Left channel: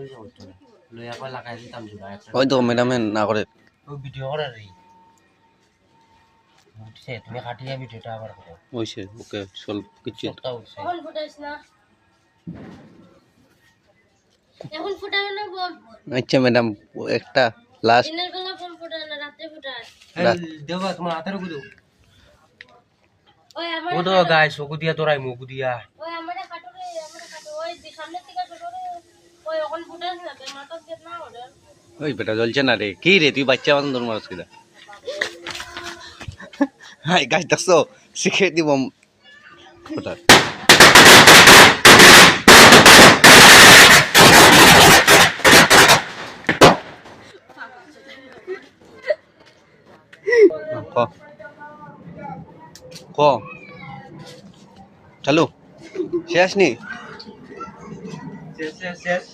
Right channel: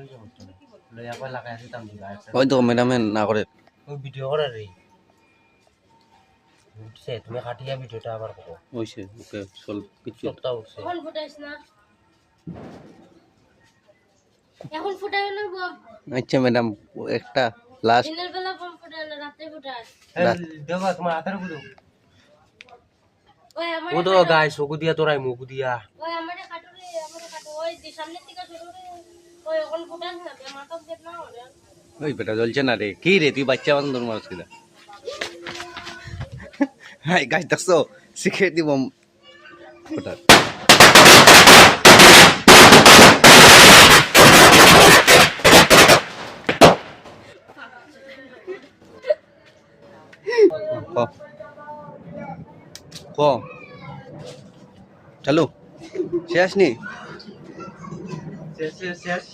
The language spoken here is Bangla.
লই যাও তো লই একবার লাগাই দিতাম দিবা ওই তো ম্যাডামে না করে ও ভিডিও করে রে উঠছে তুমি কাটিয়া ভিডিওটা আবার করো হইছে ওকে সলভ কিছু সপ্তাহ উঠছে এখন ফুটাইছ না এখন ফুটাবে না গো আচ্ছা ম্যাডাম একটা লাস্ট দিনের বেলা ফোন ফুটায় না রাতে ফুটায় দেবা তোমার হাতের গুলো ওই আমার ও তো গাইস ওকু দিয়া তোরাই মুকু দিয়া ওই আমারে কাটো ওই সামনে থেকে ছোট রে ওই এখন ফুটাইছ না তে মাথা গেট না ওরে ওই বেটা জ্বলছে না রে কি রে তুই বাচ্চা বান্ধব তোর মানুষ কিনা হাই গাছ দেখছো শিখে দিব ওটা ক চালু শেষ নি শেষ